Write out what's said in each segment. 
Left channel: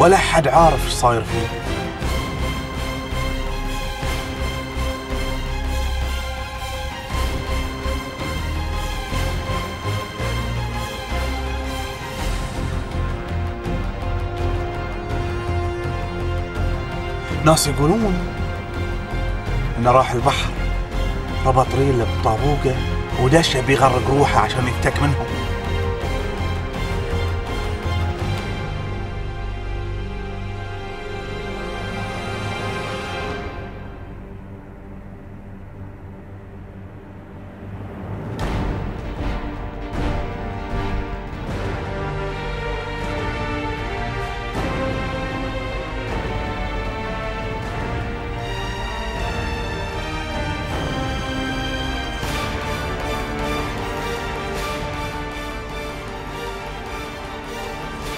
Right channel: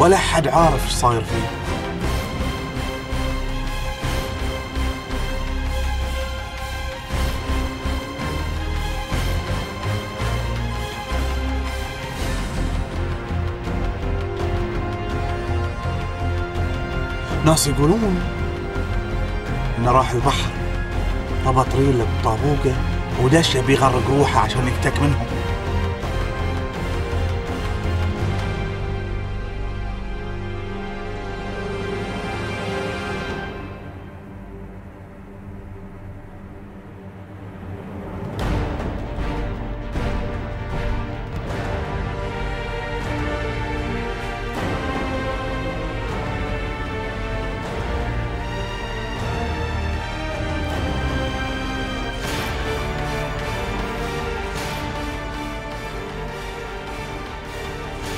ولا حد عارف ايش صاير فيه. ناس يقولون انه راح البحر، ربط ريله بطابوقه ودش بيغرق روحه عشان يفتك منهم.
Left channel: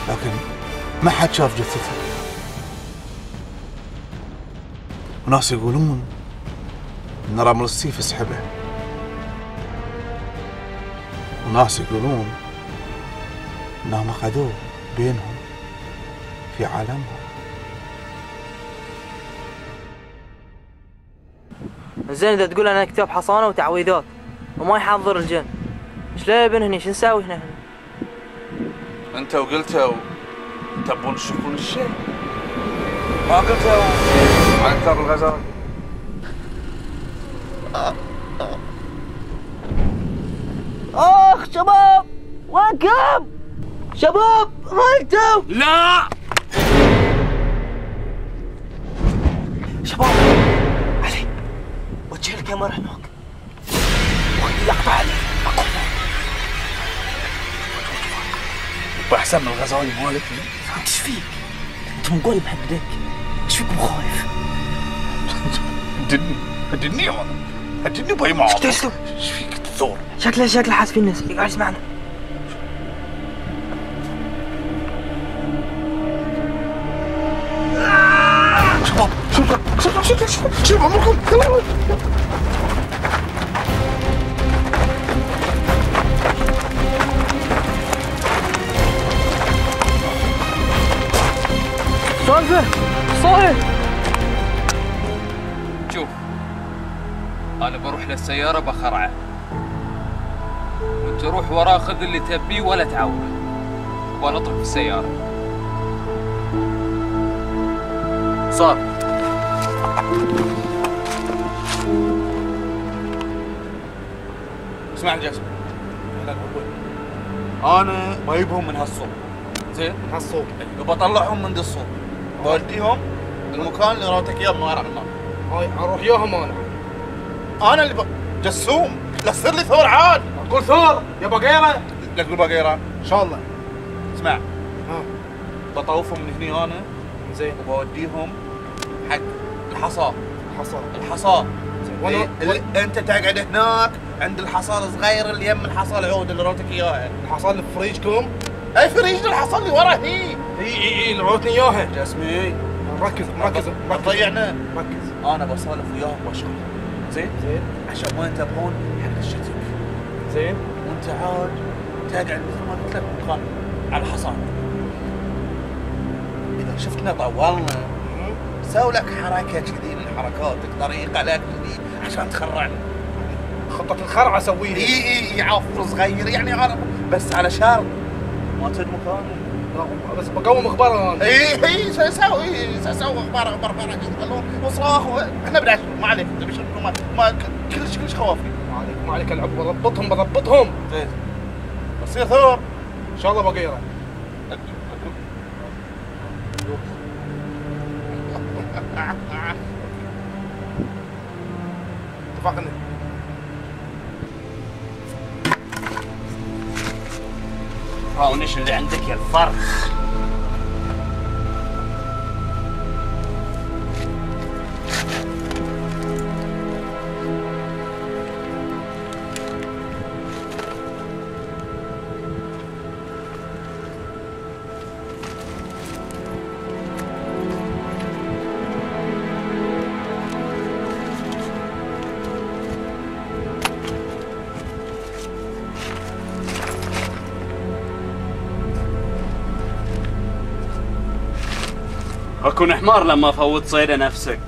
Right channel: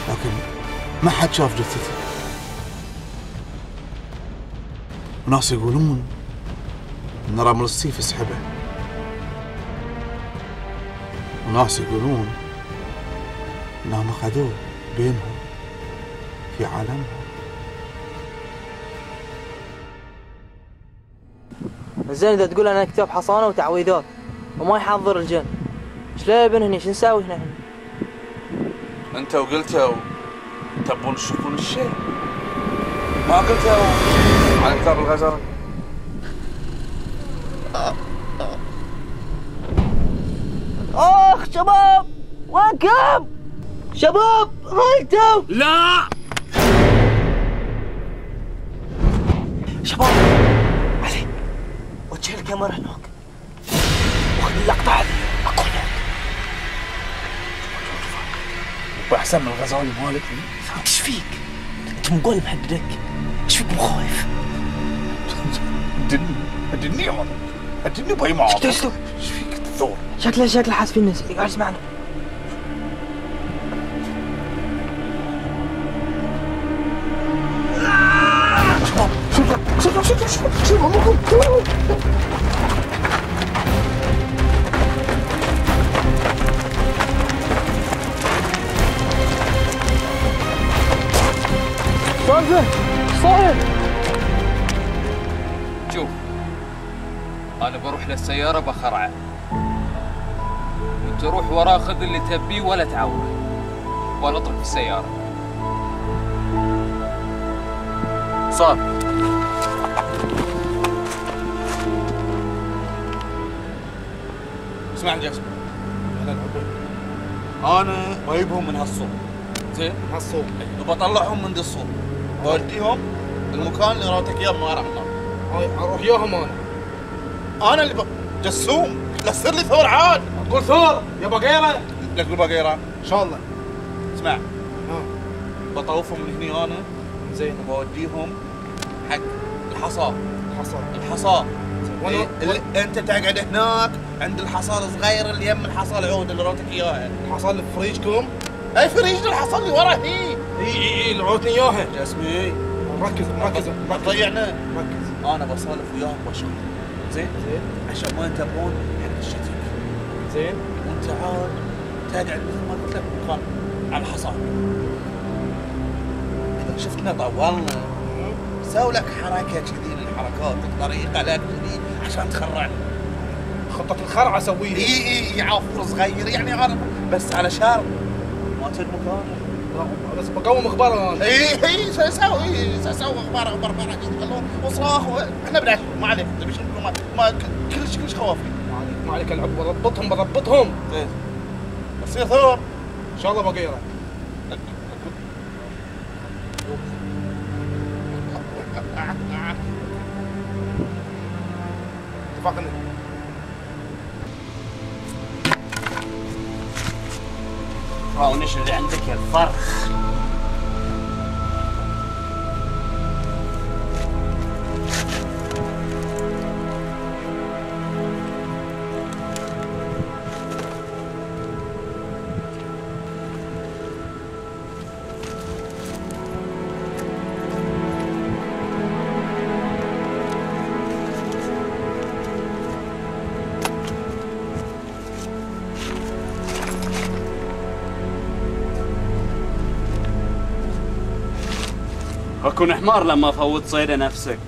لكن ما حد شاف جثته. وناس يقولون ان رمل السيف سحبه، وناس يقولون انهم اخذوه بينهم في عالمهم. زين اذا تقول انا كتاب حصانه وتعويذات وما يحضر الجن، ايش لا ابن هني؟ شو نساوي هنا؟ انت وقلتوا تبون تشوفون الشيء، ما قلتوا على كتاب الغزال. اخ شباب وينكم؟ شباب هايتو. لا شباب علي وجه الكاميرا هناك وخلي اللقطه علي اكو هناك. بأحسن من الغزالي مالك. انت ايش فيك؟ انت مقول محددك، ايش فيك مو خايف؟ هدني انا، هدني باي معاك. ايش فيك تثور؟ شكله حاس في الناس قاعد يسمعنا. شباب عمركم سالفه صاير. شوف انا بروح للسياره بخرعه وانت روح وراه خذ اللي تبيه ولا تعوره وانا اترك في السياره. صار اسمعني جاسم، انا بجيبهم من هالصوب. زين من هالصوب وبطلعهم من دي الصوب بوديهم المكان اللي راتك اياه من ورا النار. هاي اروح ياهم انا اللي جسوم، لا تصير لي ثور عاد. اقول ثور يا بقيره. لا تقول بقيره ان شاء الله. اسمع بطوفهم من هني انا زين وبوديهم حق الحصاد. الحصاد زين انت تقعد هناك عند الحصاد الصغير اللي يم الحصاد العود اللي روتك اياها. الحصاد اللي في فريجكم؟ اي فريج الحصاد اللي ورا هني. اي اللي روتني اياها. جاسمي مركز ضيعنا. ركز. انا بسولف وياهم واشغل. زين عشان ما ينتبهون حق الشتك. زين وانت عاد تقعد مثل ما قلت لك مكان على الحصاد. اذا شفتنا طولنا سوي لك حركه كذي من حركاتك، طريقه لك كذي عشان تخرعنا. خطة الخرعة اسويها. اي عفر صغير يعني عارف، بس على شرط ما تد مكانه. بس بقوم اخبار انا. اي سوي اخبار وصراخ. احنا بنعشر ما عليك، تبي شنو ما كلش خوافي. ما عليك العب، بضبطهم. زين بصير ثور ان شاء الله بقيره. اتفقنا. ونش اللي عندك يا الفرخ. اكون حمار لما افوت صيده نفسك.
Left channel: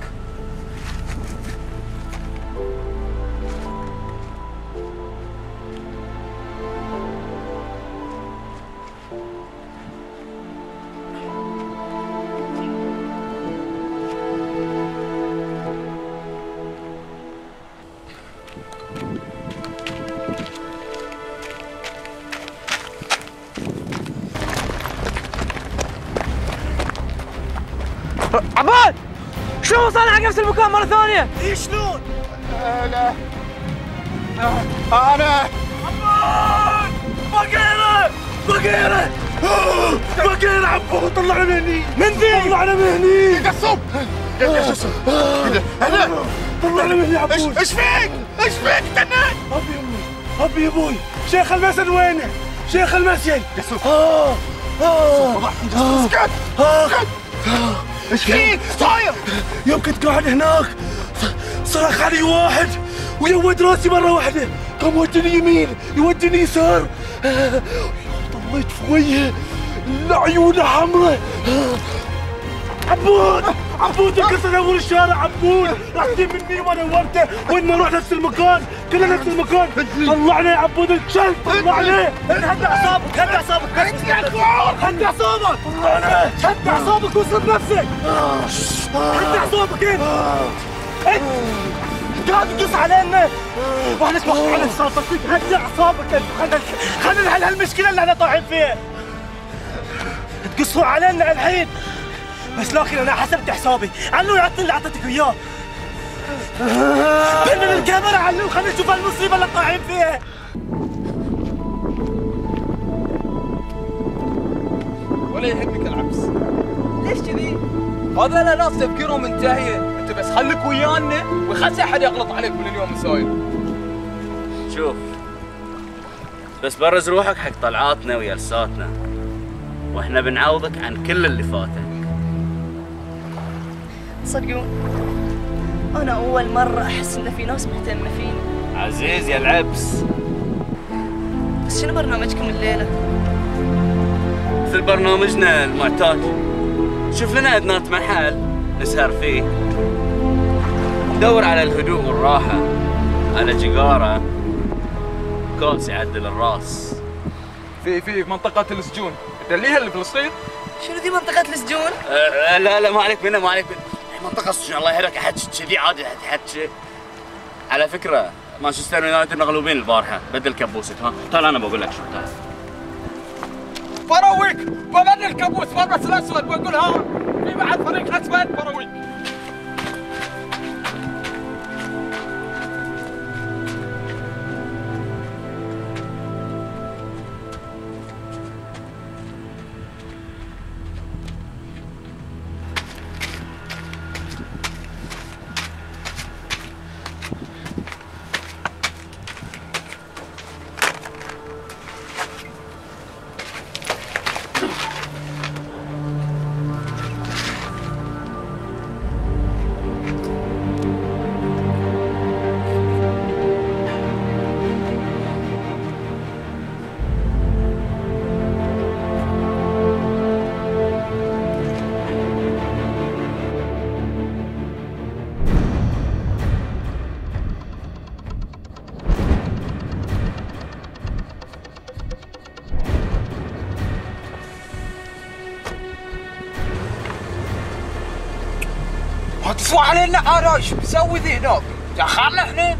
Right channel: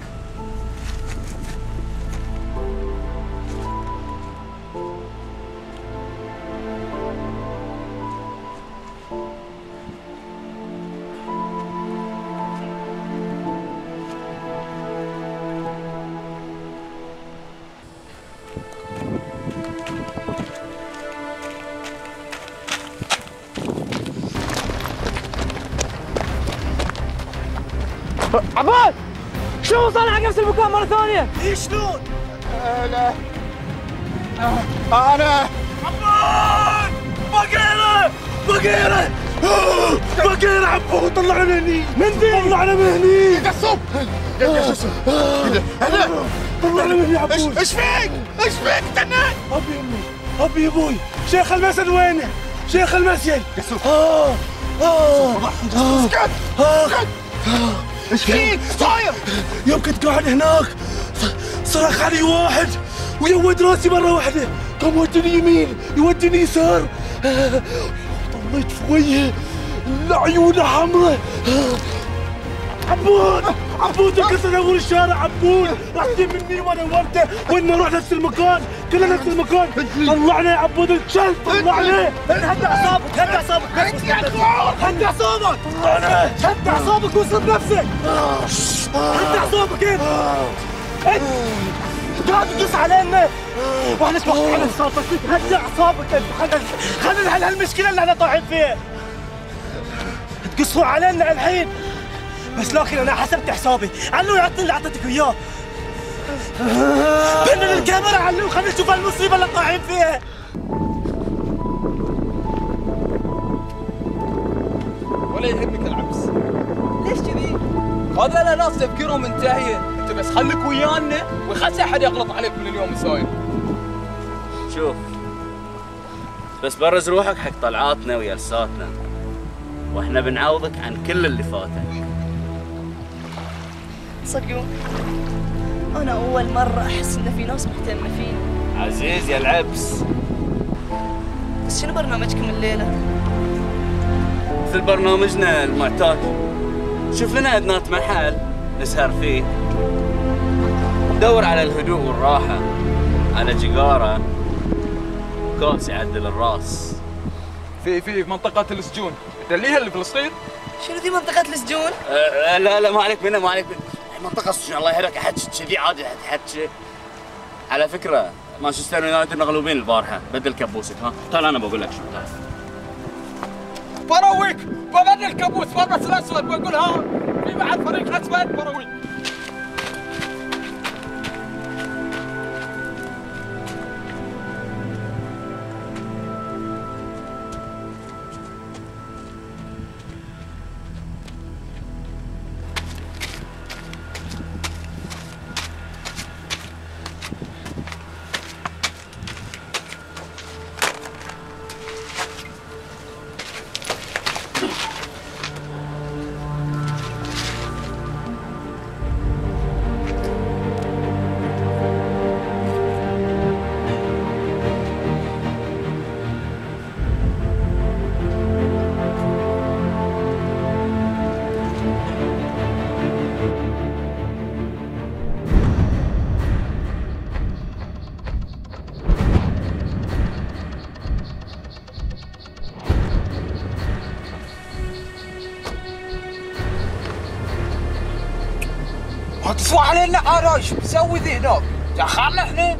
عباد شلون وصلنا على نفس المكان مرة ثانية؟ اي شلون؟ لا انا عبود بقيرة بقيرة بقيرة عبود طلعنا من هني من ذي طلعنا من هني قصب يا شو انا طلعنا من هني عبود ايش فيك؟ ايش فيك تنين؟ ابي امي ابي ابوي شيخ المسجد وينه؟ شيخ المسجد قصب اسكت اسكت ايش فيك؟ صاير؟ يوم كنت قاعد هناك صرخ علي واحد ويود راسي مرة واحدة، قام يوديني يمين يوديني يسار، طليت في وجهه عيونه حمراء. عبود عبود انكسر اول الشارع عبود، راح تجيب مني وانا ورته وين ما نروح نفس المكان، كلنا نفس المكان. طلعنا يا عبود الكلب طلعنا. هدي اعصابك هدي اعصابك هدي اعصابك طلعنا هدي اعصابك وصل بنفسك هدي اعصابك انت قاعد تقص علينا واحنا توقعنا على صوتك. هدي اعصابك انت خلينا نحل هالمشكله اللي احنا طايحين فيها. تقصوا علينا الحين بس لكن انا حسبت حسابي. علو يعطي اللي اعطيتك اياه. بين الكاميرا علو خلينا نشوف المصيبه اللي طايحين فيها. ولا يهمك العبس. ليش كذي؟ هذول ناس تفكيرهم منتهيه، انت بس خليك ويانا وخلي احد يغلط عليك من اليوم الساير. شوف بس برز روحك حق طلعاتنا وجلساتنا واحنا بنعوضك عن كل اللي فاتك. صدقون أنا أول مرة أحس إن في ناس مهتمة فيني. عزيز يا العبس، بس شنو برنامجكم الليلة؟ مثل برنامجنا المعتاد، شوف لنا أدنات محل نسهر فيه، ندور على الهدوء والراحة، على جيجارة كوس يعدل الراس. في منطقة السجون، تدليها اللي فلسطين؟ شنو ذي منطقة السجون؟ لا ما عليك منها ما عليك منها. منطقة السجون الله يهديك احكي كذي عادي احكي. على فكرة مانشستر يونايتد مغلوبين البارحة، بدل كبوسك ها؟ تعال أنا بقول لك شو تعال. برويك ببدل الكابوس بلبس الاسود واقول ها في بعد فريق اسود برويك. هتسوى علينا عرايش بسوي ذي هناك دخلنا احنا.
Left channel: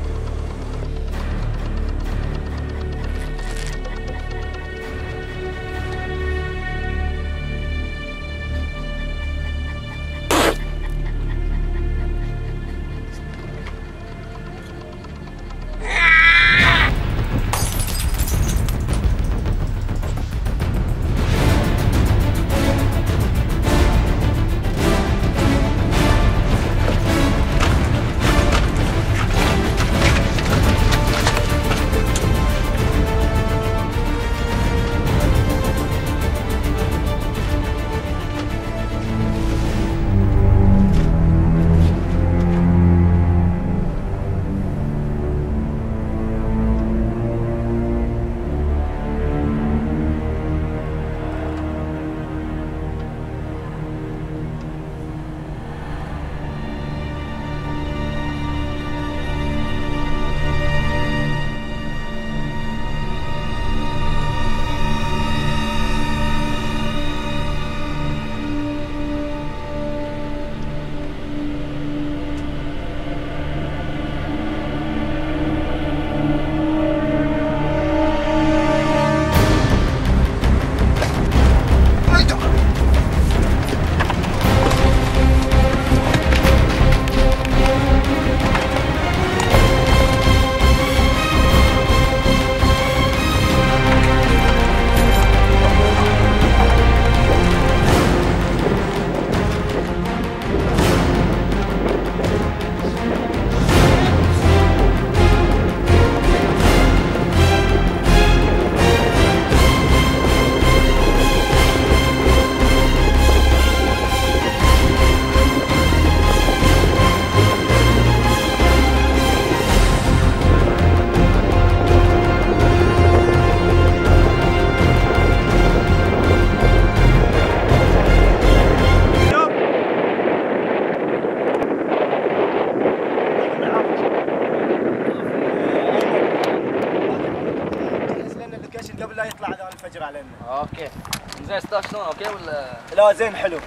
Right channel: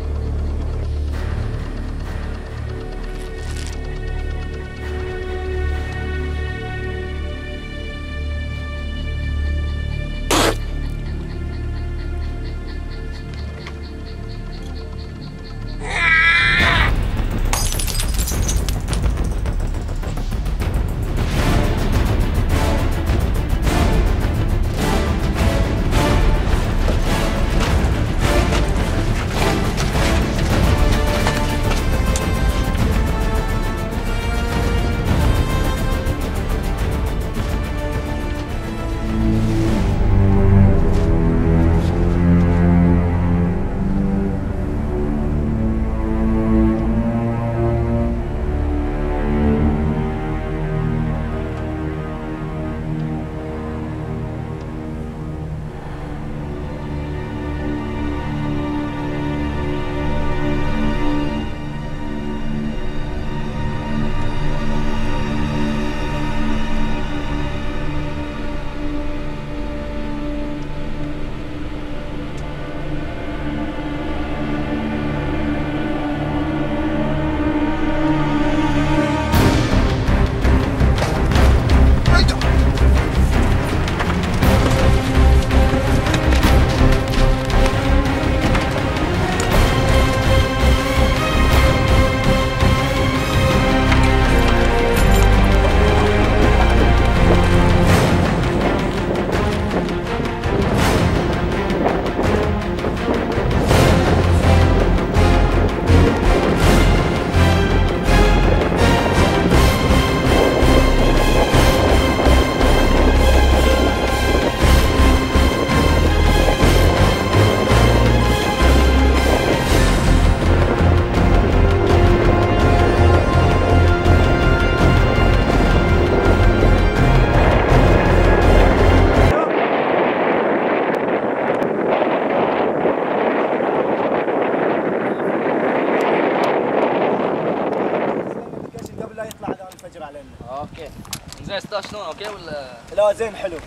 زين استاذ شلون اوكي ولا؟ لا زين حلو.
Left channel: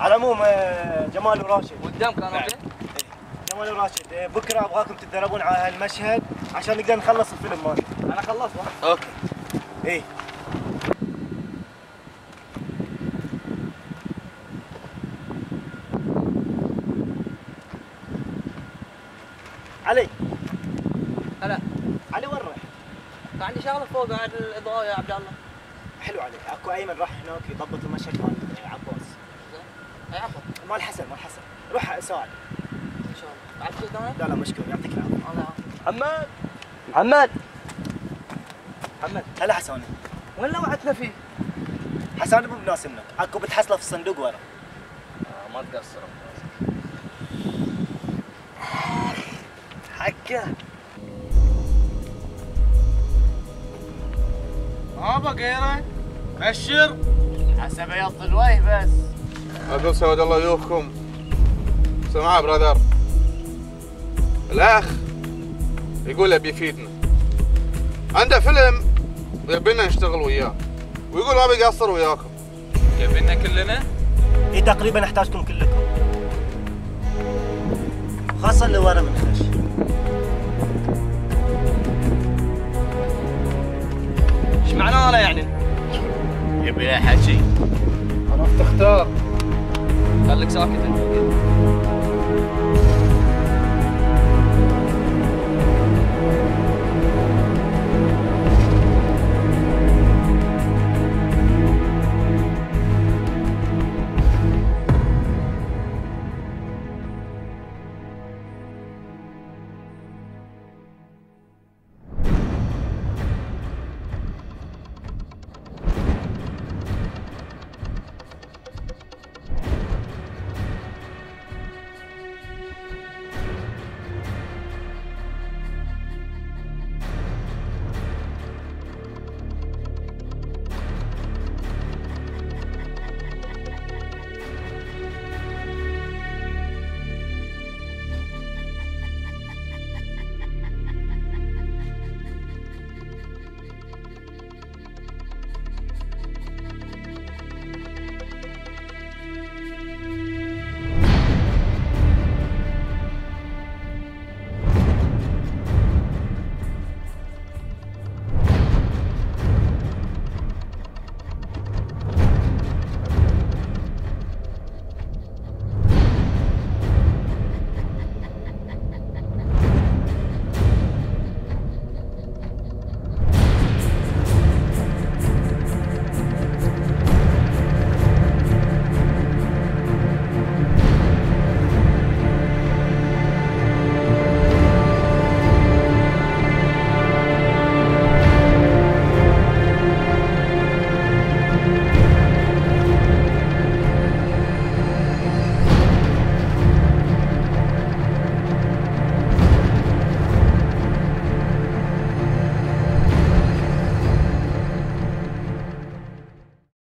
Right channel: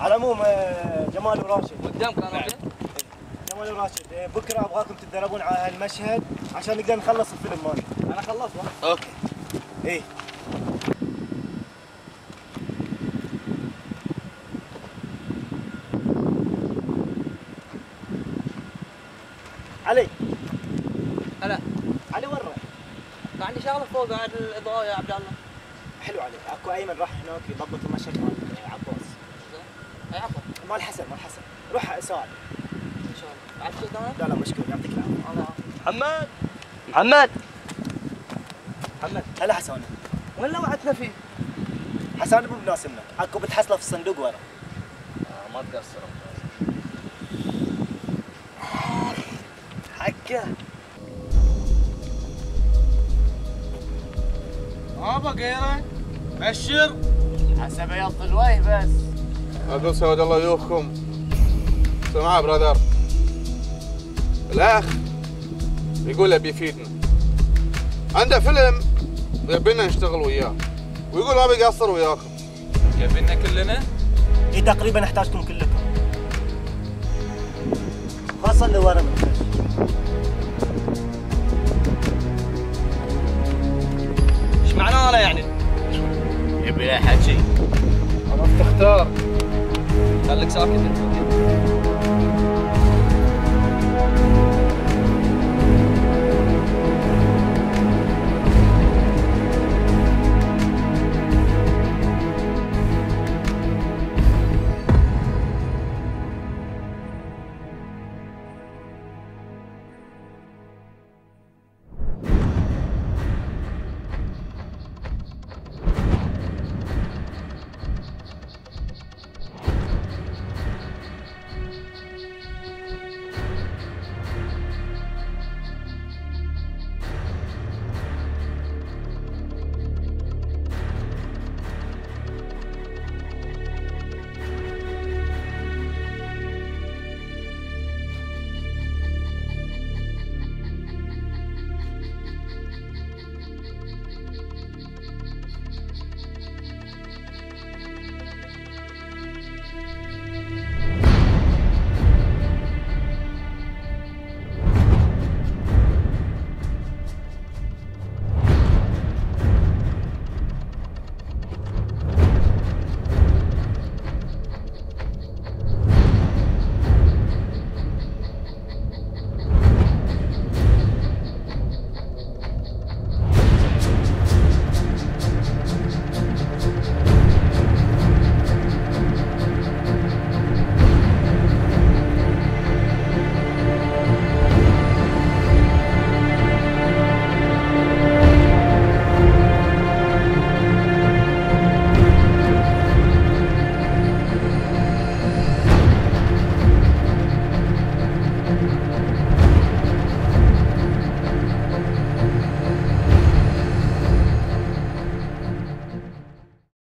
على العموم جمال وراشد قدام كان اوكي؟ جمال وراشد بكره ابغاكم تتدربون على هالمشهد عشان نقدر نخلص الفيلم مالنا. انا خلصت. اوكي. ايه علي. هلا. علي وين رايح؟ كان عندي شغله فوق قاعد الاضاءه يا عبد الله. حلو عليك. اكو ايمن راح هناك يضبط المشهد مال عباس. اي عفوا. مال حسن روح ساعد. ان شاء الله. عرفت قدامك؟ لا مشكور يعطيك العافيه. الله يعافيك. محمد محمد هلا حسن. وين لوعتنا فيه؟ حسن ابو بناس منك اكو بتحصله في الصندوق ورا. ما تقصر. حكه. ما بقيره بشر. حسب يط الوجه بس. اقول سواد الله يوفكم. سمع برادر، الاخ يقول ابي يفيدنا، عنده فيلم يبينا نشتغل وياه، ويقول ما بيقصر وياكم. يبينا كلنا؟ اي تقريبا احتاجكم كلكم، خاصه اللي ورا من خش. ايش معناه انا يعني؟ يبي له حكي. عرفت تختار. خليك ساكت انت.